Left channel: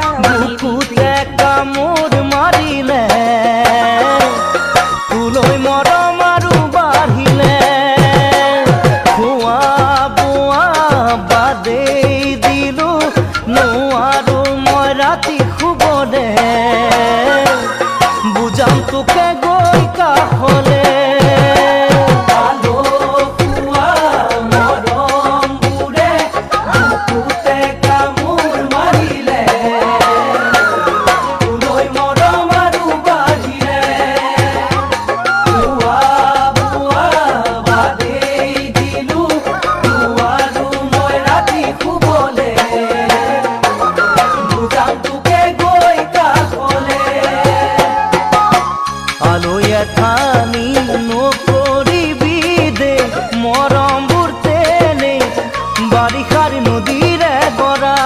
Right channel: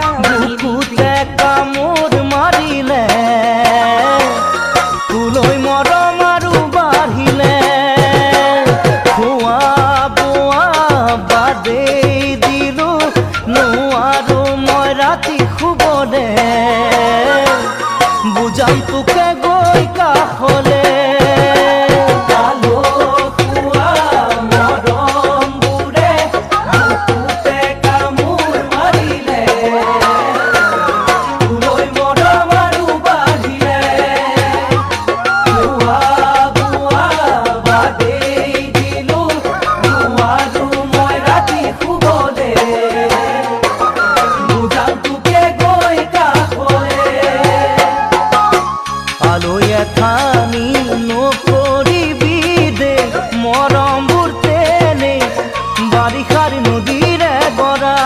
বুকুতে কামোৰ মাৰিলে তুলৈ মৰম আৰু বাঢ়িলে খোৱা বোৱা বাদেই দিলো নোৱাৰো মই ৰাতি শুবলে বুজাম তোকে গৈ কাষলে আলৈ এথানি নকৰিবি দে মৰমবোৰ তেনে বাৰিষাৰ নদীৰে গৰা